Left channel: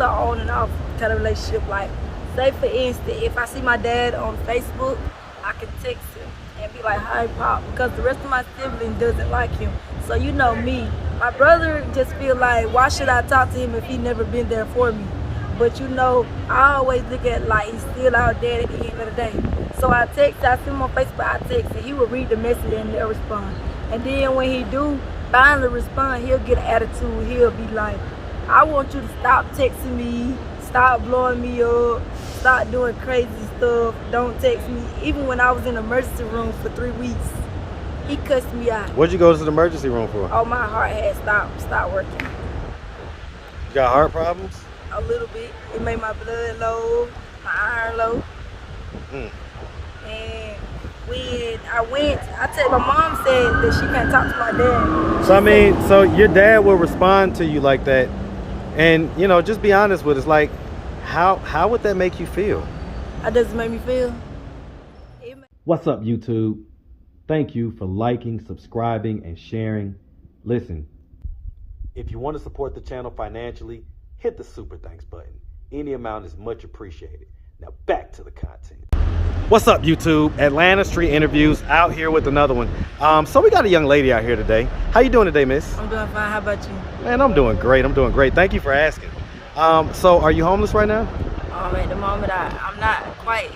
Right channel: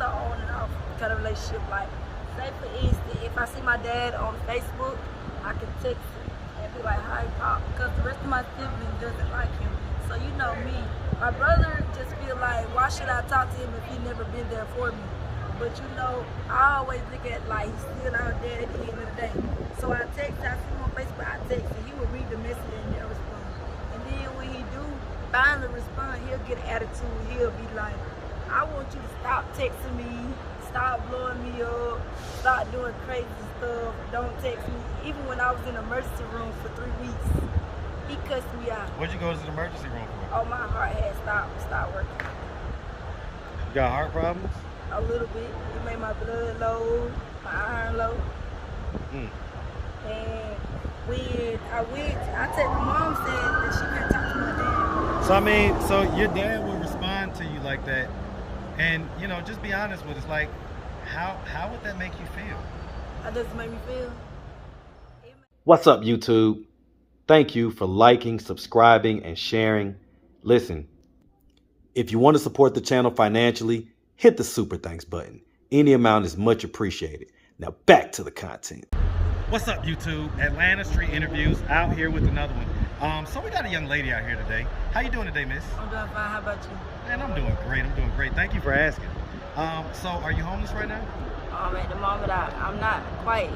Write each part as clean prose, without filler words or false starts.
an on and off kind of relationship. Like, say for instance, if I see my dad on Facebook, I can text him and be like, "Hi, Pop," because the rest of my siblings doesn't like him. So you know me. My brother just feel like, why should I talk to him if he never been there for me? But you know, I always look at like he's still our dad at the end of the day. So I see him on Facebook, I text, and he will read the message and they'll respond. And then when he do finally respond, he'll get an attitude. He'll be like, "I want you to stop texting me, stop blowing me up, stop doing crazy stuff, don't text me." Even when I was in the emergency room for 3 weeks, he cussed me out. What'd you go to the emergency room for? Oh, my heart had stopped working. You got heart problems? A little bit. It made my blood low, my iron low. And when my mom said that she can't talk to my dad. So I mean, so your dad will respond to you like that, and you know, just be honest with us. Like, how would that make you feel? How does it make me feel? What's up, YouTube? Thank you for liking, subscribing, and sharing. Listen, if you want to support the channel financially, hit the super thanks button. Any amount is much appreciated. Now back to the content. What's up, YouTube? Atlanta Street Interviews, out here with another one. So we got a young lady out here today. How you doing today, miss? I'm doing fine. How about you? Man, I'm doing great. I'm doing great. Thank you for asking. So are you homeless right now? At the moment, I'm not quite.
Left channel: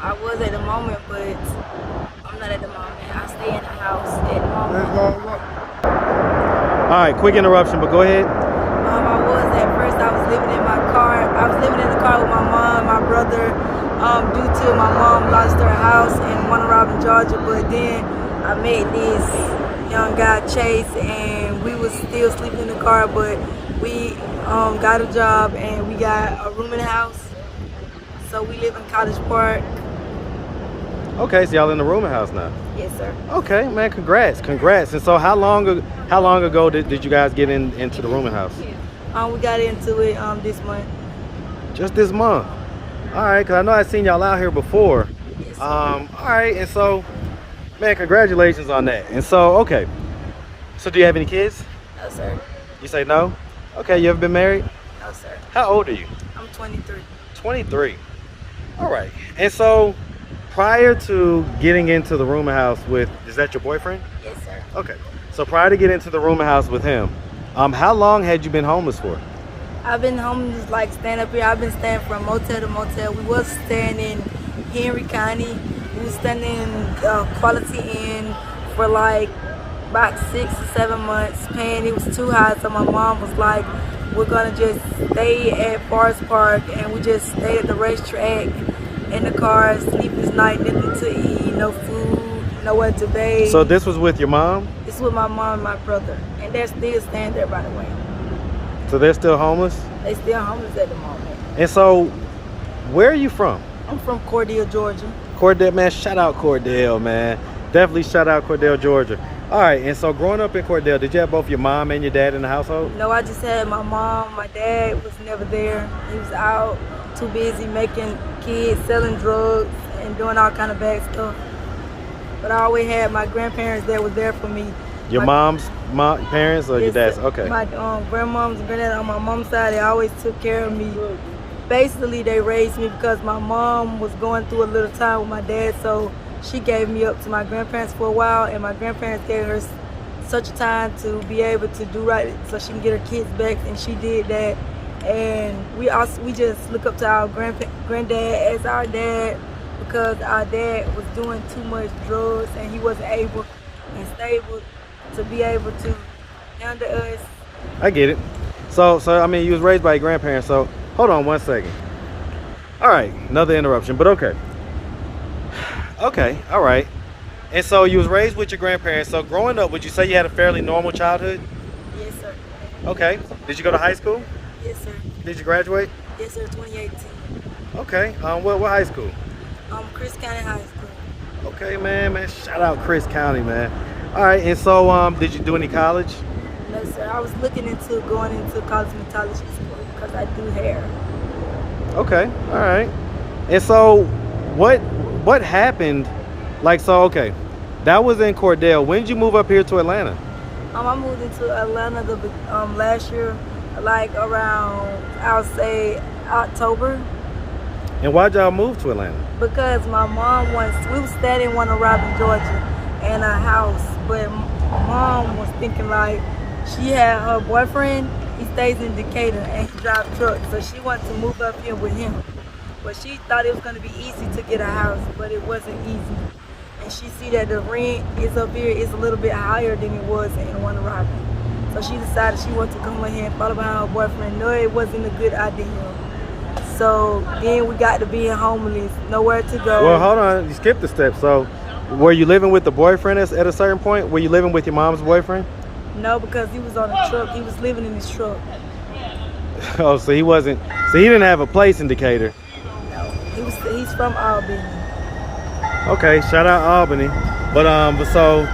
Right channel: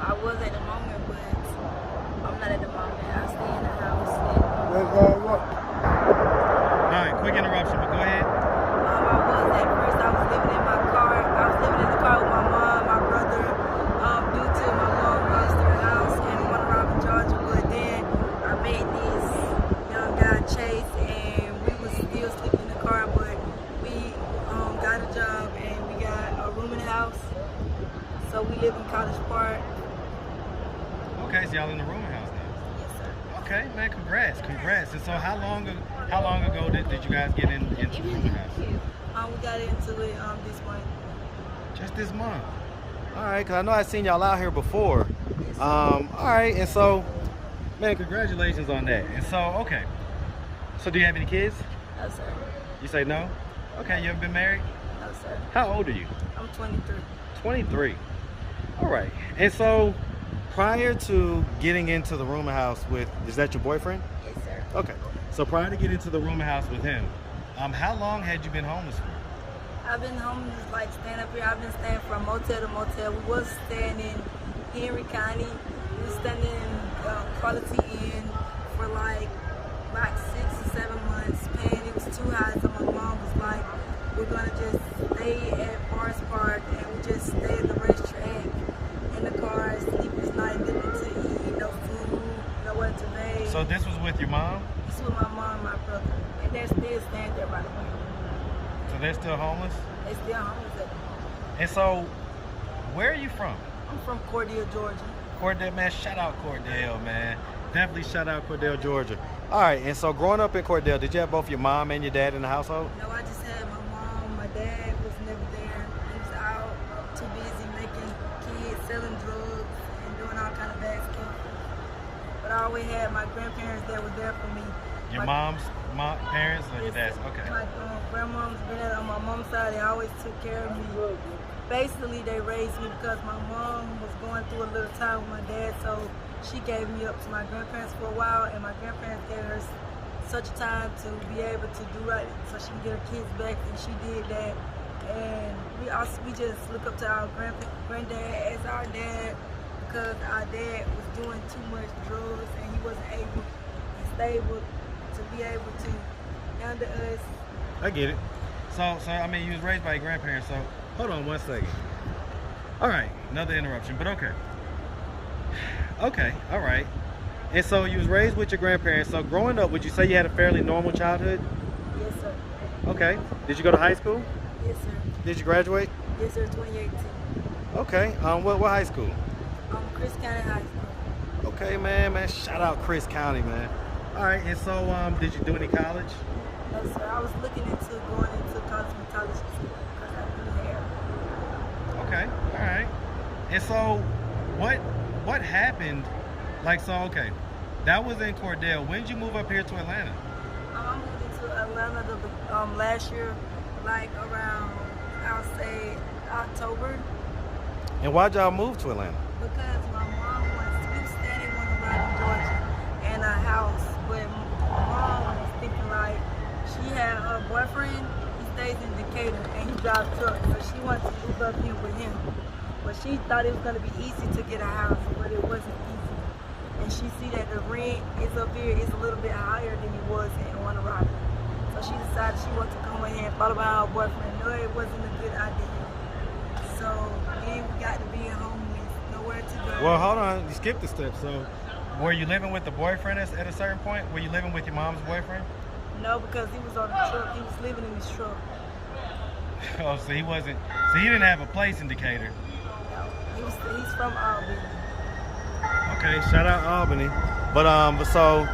I was at the moment, but I'm not at the moment. I stay in the house at the moment. All right, quick interruption, but go ahead. I was living in my car. I was living in the car with my mom, my brother, due to my mom lost her house in Warner Robin, Georgia. But then I met this young guy, Chase, and we was still sleeping in the car, but we got a job and we got a room in the house. So we live in College Park. Okay, so y'all in the rooming house now? Yes, sir. Okay, man, congrats. And so how long ago did you guys get into the rooming house? We got into it this month. Just this month? All right, because I know I've seen y'all out here before. Yes, all right, and so, man, congratulations on that. And so, okay, so do you have any kids? No, sir. You say no? Okay, you ever been married? No, sir. How old are you? I'm 23. 23. All right, and so prior to getting into the rooming house is that your boyfriend? Yes, sir. Okay, so prior to getting into the rooming house with him, how long had you been homeless for? I've been homeless, like staying up here. I've been staying from motel to motel. We was staying in Henry County. We was staying in Quality Inn for like about 6 or 7 months. Paying, it was too high, so my mom was like, "We're gonna just stay at Forest Park," and we just stayed at the racetrack in the car, sleepless night, nothing to eat, no food, nowhere to bathe. So this was with your mom? This is with my mom and my brother, and they're still staying there, by the way. So they're still homeless? They still homeless at the moment. And so, where are you from? I'm from Cordell, Georgia. Cordell, man, shout out Cordell, man. Definitely shout out Cordell, Georgia. All right, and so growing up in Cordell, did you have both your mom and your dad in the household? No, I just had my mom. My dad was never there. He was out, too busy making kids, selling drugs, and doing all kind of bad stuff. But I always had my grandparents that was there for me. Your mom's parents or your dad's? Okay. My grandmoms and granddad on my mom's side, they always took care of me. Basically, they raised me because my mom was going through a little time with my dad, so she gave me up to my grandparents for a while, and my grandparents gave her such a time to be able to do right so she can get her kids back, and she did that. And we just look up to our granddad as our dad, because our dad was doing too much drugs and he wasn't able and stable to be able to handle us. I get it. So I mean, you was raised by your grandparents, so hold on one second. All right, another interruption, but okay. Okay, all right. And so you was raised with your grandparents, so growing up, would you say you had a fairly normal childhood? Yes, sir. Okay. Did you go to high school? Yes, sir. Did you graduate? Yes, sir, 2018. Okay, what high school? Chris County High School. Okay, man, shout out Chris County, man. All right, and so did you do any college? No, sir. I was looking into going into cosmetology school because I do hair. Okay, all right. And so what happened? Like, so, okay, that was in Cordell. When did you move up here to Atlanta? I moved into Atlanta last year, like around I'll say October. And why'd y'all move to Atlanta? Because my mom we was staying in Warner Robin, Georgia, in a house, but mom was thinking like, she had her boyfriend, he stays in Decatur and he drives trucks, so she wanted to move up here with him. But she thought it was gonna be easy to get a house, but it wasn't easy. And she see that the rent is up here is a little bit higher than it was in Warner Robin. So she decided she wanted to come in here and follow behind her boyfriend. No, it wasn't a good idea. So then we got to being homeless, nowhere to go. Well, hold on, you skipped a step. So were you living with the boyfriend at a certain point? Were you living with your mom's boyfriend? No, because he was on a truck. He was living in his truck. Oh, so he didn't have a place in Decatur. No, he's from Albany. Okay, shout out Albany. But so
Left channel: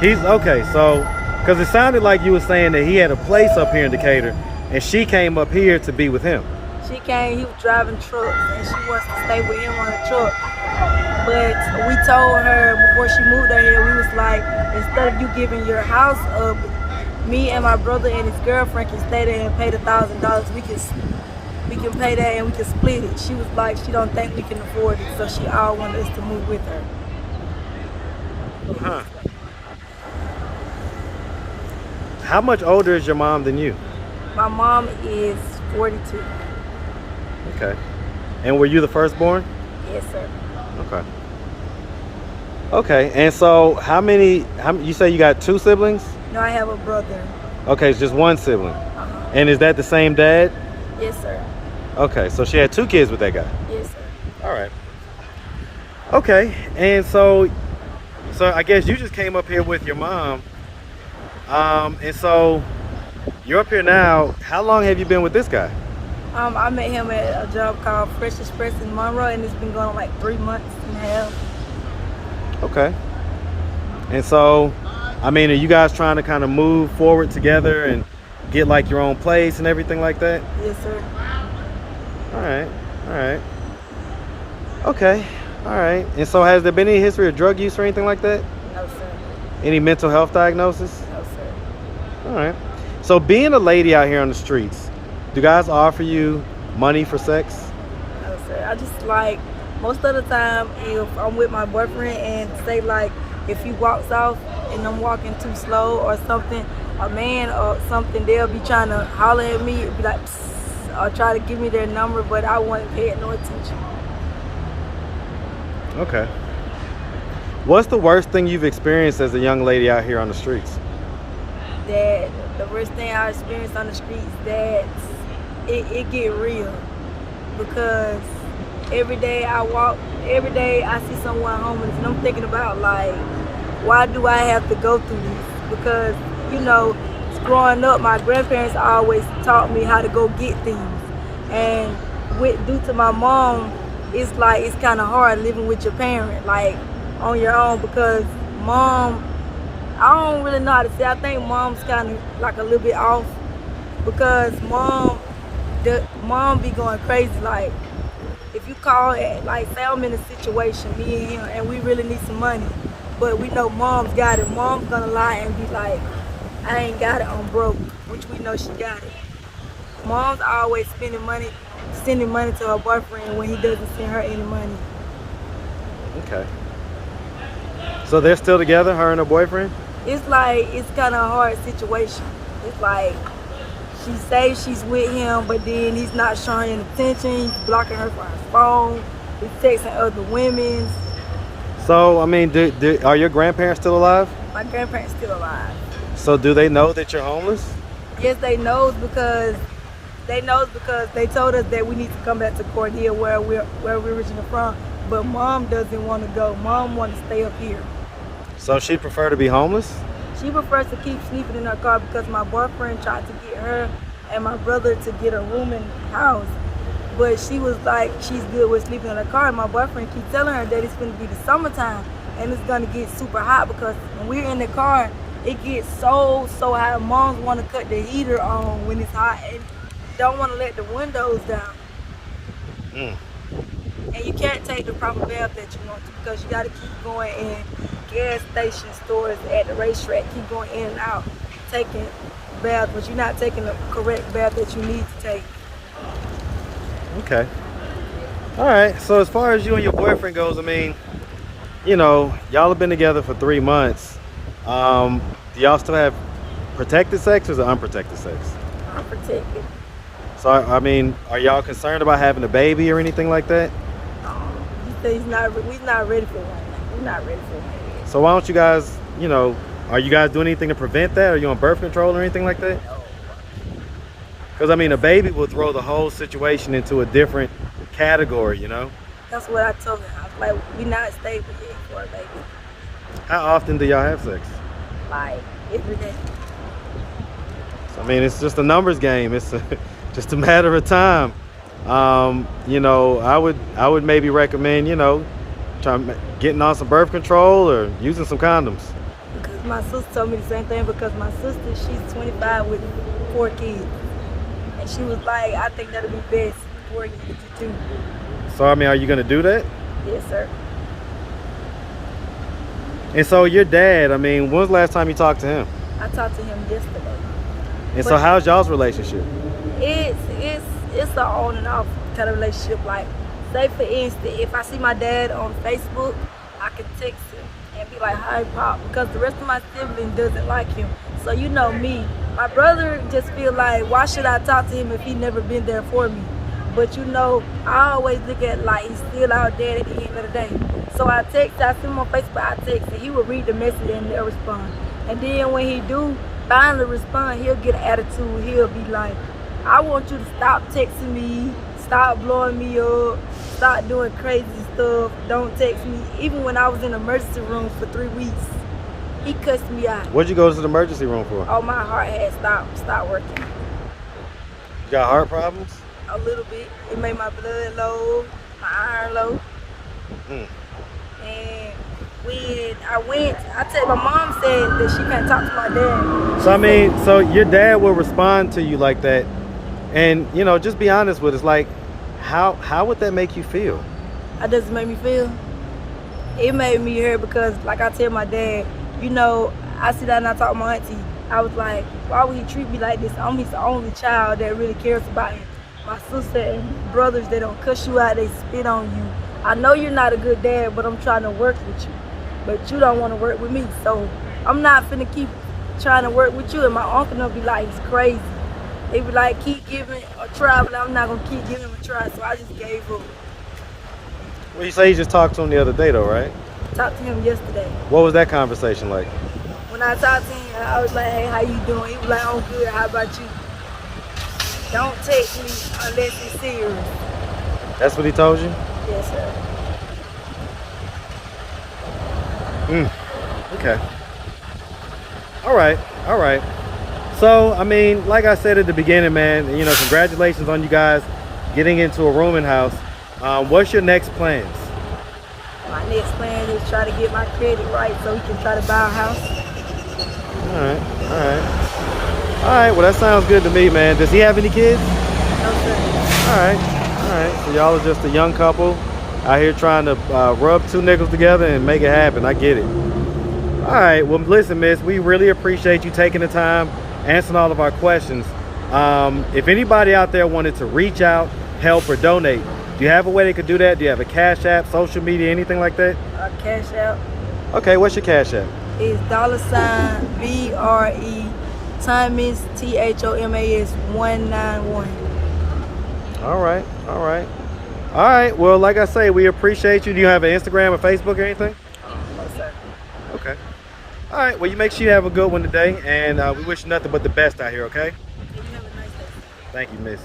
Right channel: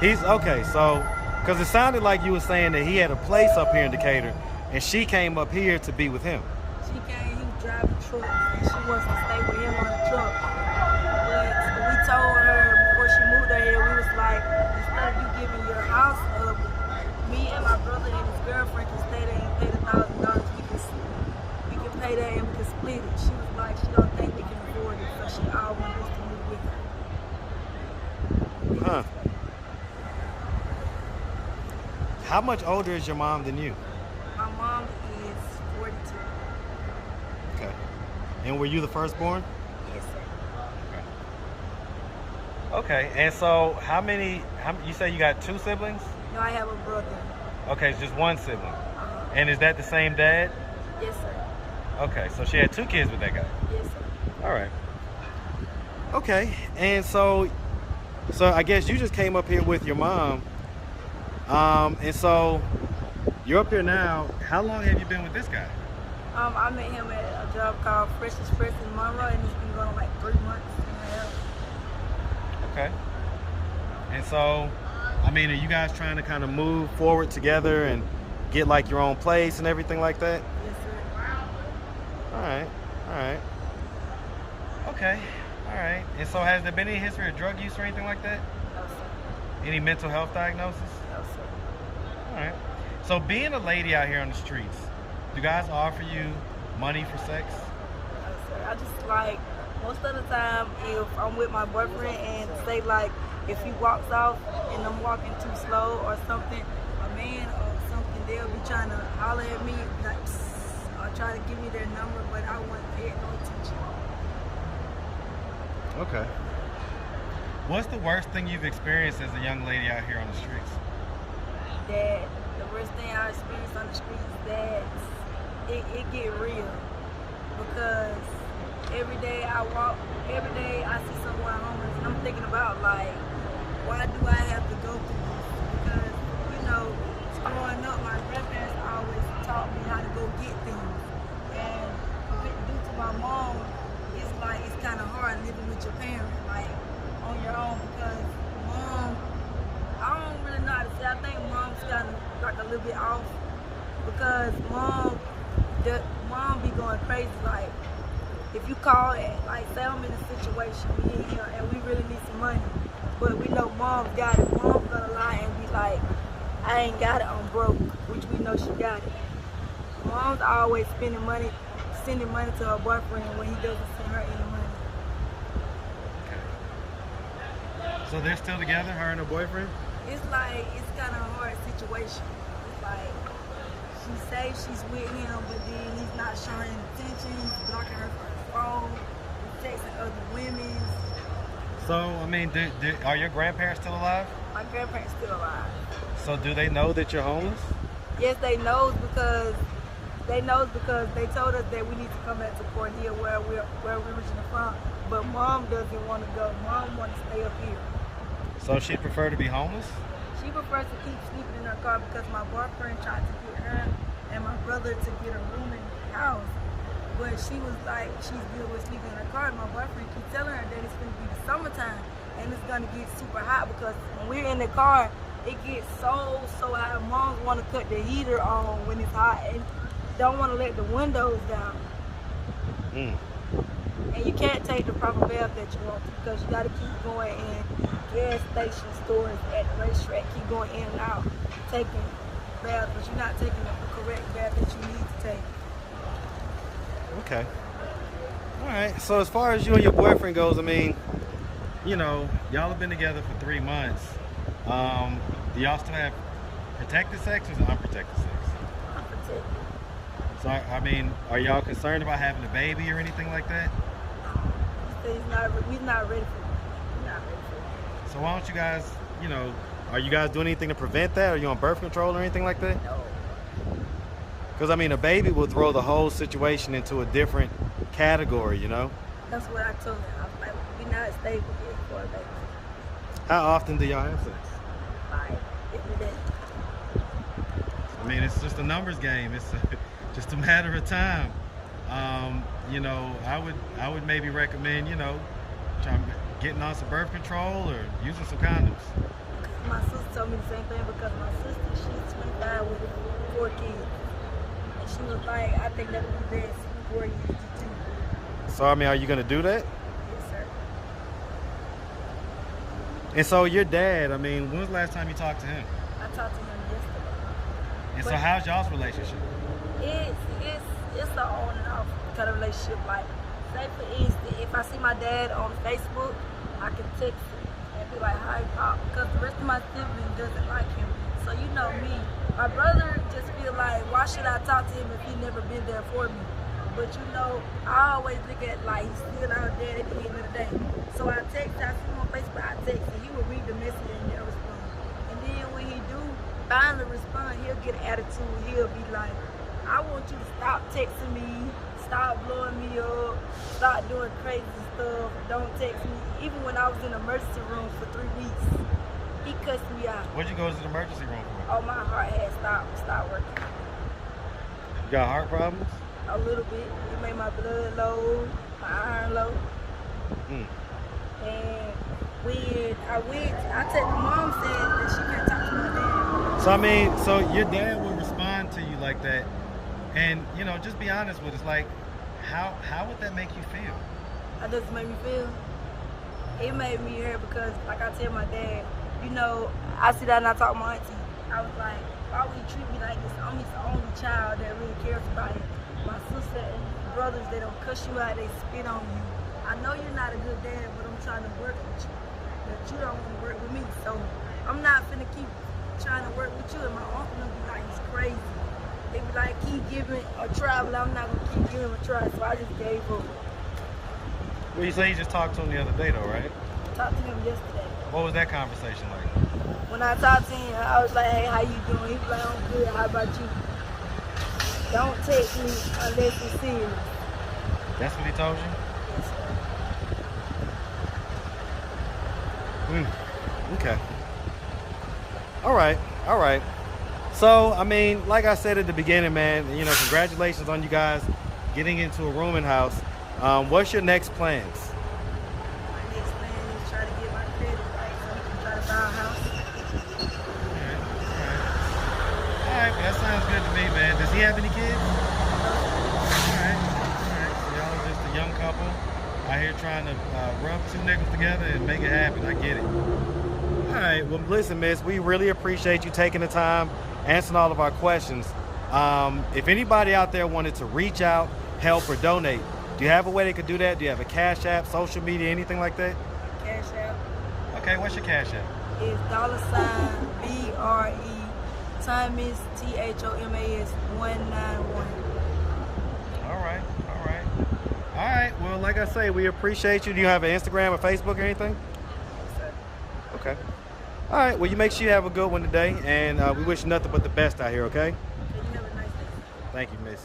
he's okay, so because it sounded like you were saying that he had a place up here in Decatur and she came up here to be with him. She came, he was driving trucks and she wants to stay with him on the truck. But we told her before she moved out here, we was like, instead of you giving your house up, me and my brother and his girlfriend can stay there and pay the $1,000. We can pay that and we can split it. She was like, she don't think we can afford it, so she all wanted us to move with her. Huh. How much older is your mom than you? My mom is 42. Okay. And were you the firstborn? Yes, sir. Okay. Okay, and so how you say you got 2 siblings? No, I have a brother. Okay, it's just 1 sibling. Uh-huh. And is that the same dad? Yes, sir. Okay, so she had 2 kids with that guy. Yes, sir. All right. Okay, and so I guess you just came up here with your mom. And so you're up here now. How long have you been with this guy? I met him at a job called Fresh Express in Monroe, and it's been going on like 3 months and a half. Okay. And so, I mean, are you guys trying to kind of move forward together and get like your own place and everything like that? Yes, sir. All right. All right. Okay. All right. And so has there been any history of drug use or anything like that? No, sir. Any mental health diagnosis? No, sir. All right. So being a lady out here on the streets, do guys offer you money for sex? No, sir. I just like, most of the time, if I'm with my boyfriend and say like, if he walks off and I'm walking too slow or something, a man or something, they'll be trying to holler at me, be like, psst, or try to give me their number, but I wouldn't pay no attention. Okay. What's the worst thing you've experienced as a young lady out here on the streets? That the worst thing I experienced on the streets, that it get real, because every day I see someone homeless and I'm thinking about like, why do I have to go through this? Because, you know, growing up, my grandparents always taught me how to go get things, and due to my mom, it's like it's kind of hard living with your parent like on your own, because mom, I don't really know how to say, I think mom's kind of like a little bit off, because mom be going crazy. Like, if you call it, like, say I'm in a situation, me and him, and we really need some money, but we know mom's got it, mom's gonna lie and be like, I ain't got it, I'm broke, which we know she got it. Mom's always sending money to her boyfriend when he doesn't send her any money. Okay. So they're still together, her and her boyfriend? It's like, it's kind of a hard situation. It's like, she says she's with him, but then he's not showing any attention. He's blocking her from his phone. He's texting other women. So, I mean, are your grandparents still alive? My grandparents still alive. So do they know that you're homeless? Yes, they knows because they told us that we need to come back to Cordelia where we're originally from. But mom doesn't want to go. Mom wants to stay up here. So she'd prefer to be homeless? She prefers to keep sleeping in her car because my boyfriend tried to get her and my brother to get a room in the house. But she was like, she's good with sleeping in her car. And my boyfriend keeps telling her that it's going to be the summertime and it's going to get super hot, because when we're in the car, it gets so hot. Moms want to cut the heater on when it's hot and don't want to let the windows down. And you can't take the proper bath that you want to, because you got to keep going in gas station stores at the racetrack, keep going in and out, taking baths, but you're not taking the correct bath that you need to take. Okay. All right. So as far as you and your boyfriend goes, I mean, you know, y'all have been together for 3 months. Do y'all still have protected sex or unprotected sex? Unprotected. So I mean, are y'all concerned about having a baby or anything like that? He said we're not ready for one now. We're not ready for one yet. So why don't you guys, you know, are you guys doing anything to prevent that? Are you on birth control or anything like that? No. Because I mean, a baby will throw the whole situation into a different category, you know? That's what I told him. I was like, we're not stable yet for a baby. How often do y'all have sex? Like, every day. I mean, it's just a numbers game. It's just a matter of time. You know, I would maybe recommend, you know, getting on some birth control or using some condoms. Because my sister told me the same thing, because my sister, she's 25 with 4 kids. And she was like, I think that'll be best for you to do. So, I mean, are you going to do that? Yes, sir. And so your dad, I mean, when's the last time you talked to him? I talked to him yesterday. And so how's y'all's relationship? It's an on and off kind of relationship. Like, say for instance, if I see my dad on Facebook, I can text him and be like, hi Pop, because the rest of my siblings doesn't like him. So you know me, my brother just feel like, why should I talk to him if he never been there for me? But you know, I always look at like he's still our dad at the end of the day. So I see him on Facebook, I text, and he will read the message and they'll respond. And then when he do finally respond, he'll get an attitude. He'll be like, I want you to stop texting me, stop blowing me up, stop doing crazy stuff, don't text me. Even when I was in the emergency room for 3 weeks, he cussed me out. What'd you go to the emergency room for? Oh, my heart had stopped working. You got heart problems? A little bit. It made my blood low, my iron low. And when my mom said that she can't talk to my dad. So I mean, so your dad will respond to you like that, and you know, just be honest with us. Like, how would that make you feel? How does it make me feel? It made me hurt because, like I tell my dad, you know, I sit down and I talk to my auntie. I was like, why would he treat me like this? I'm his only child that really cares about him. My sister and brothers, they don't cuss you out, they spit on you. I know you're not a good dad, but I'm trying to work with you. But you don't want to work with me, so I'm not finna keep trying to work with you. And my uncle will be like, he's crazy. They be like, keep giving a try, but I'm not gonna keep giving him a try, so I just gave up. Well, you say you just talked to him the other day though, right? Talked to him yesterday. What was that conversation like? When I talked to him, I was like, hey, how you doing? He was like, I'm good, how about you? Don't text me unless it's serious. That's what he told you? Yes, sir. Okay. All right. So, I mean, like I said at the beginning, man, you know, congratulations on you guys getting into a rooming house. What's your next plans? My next plan is try to get my credit right so we can try to buy a house. All right. Well, that sounds good to me, man. Does he have any kids? No, sir. All right. So y'all are just a young couple out here trying to rub 2 nickels together and make it happen. I get it. All right. Well, listen, miss, we really appreciate you taking the time, answering all of our questions. If anybody out there wanted to reach out, help, or donate, do you have a way they could do that? Do you have a Cash App, social media, anything like that? Cash App. Okay, what's your Cash App? It's $BRE Thomas THOMAS 191. All right. Well, like I say, we appreciate you. Do you have an Instagram or Facebook or anything? No, sir. Okay. All right. Well, you make sure you have a good one today, and we wish you nothing but the best out here, okay? You have a nice day. Thank you, miss.